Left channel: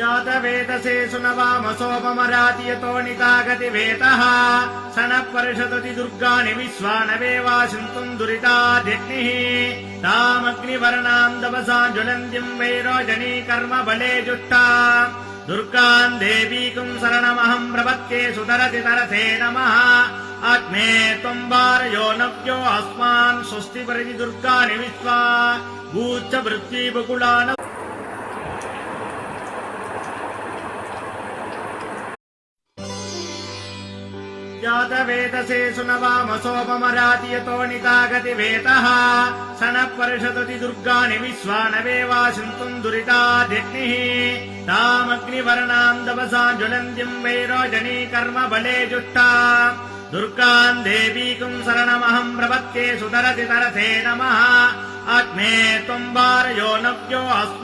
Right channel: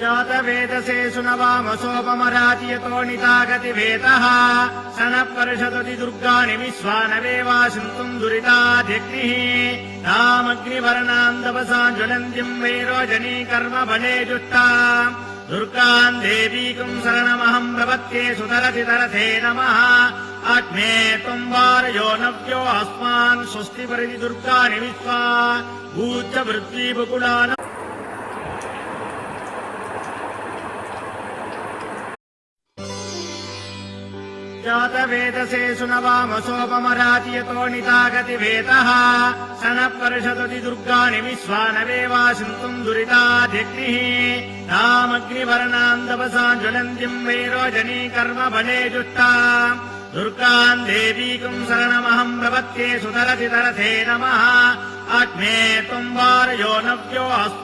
जातवेदसे सुनवामसोपमरातियतोणितागतिवेदः सनपर्षदति दुर्गाणि विश्वानवेवासिन्तुम् दुरिताध्यक्तिः तामग्निवर्णान्दवसा ज्वलन्तीम् वैरोजनी कर्म बले जुष्टा दुर्गाम् देवीकुम् शरणमहम् प्रपत्ये सुतरतितरथे नमः अग्ने त्वम् वार्यो नव्यो अस्मान् स्वस्ति परिधि दुर्गाणि विश्वा भूच्च वृत्तिबुकुलान जातवेदसे सुनवामसोपमरातियतोणितागतिवेदः सनपर्षदति दुर्गाणि विश्वानवेवासिन्तुम् दुरिताध्यक्तिः तामग्निवर्णान्दवसा ज्वलन्तीम् वैरोजनी कर्म बले जुष्टा दुर्गाम् देवीकुम् शरणमहम् प्रपत्ये सुतरतितरथे नमः अग्ने त्वम् वार्यो नव्यो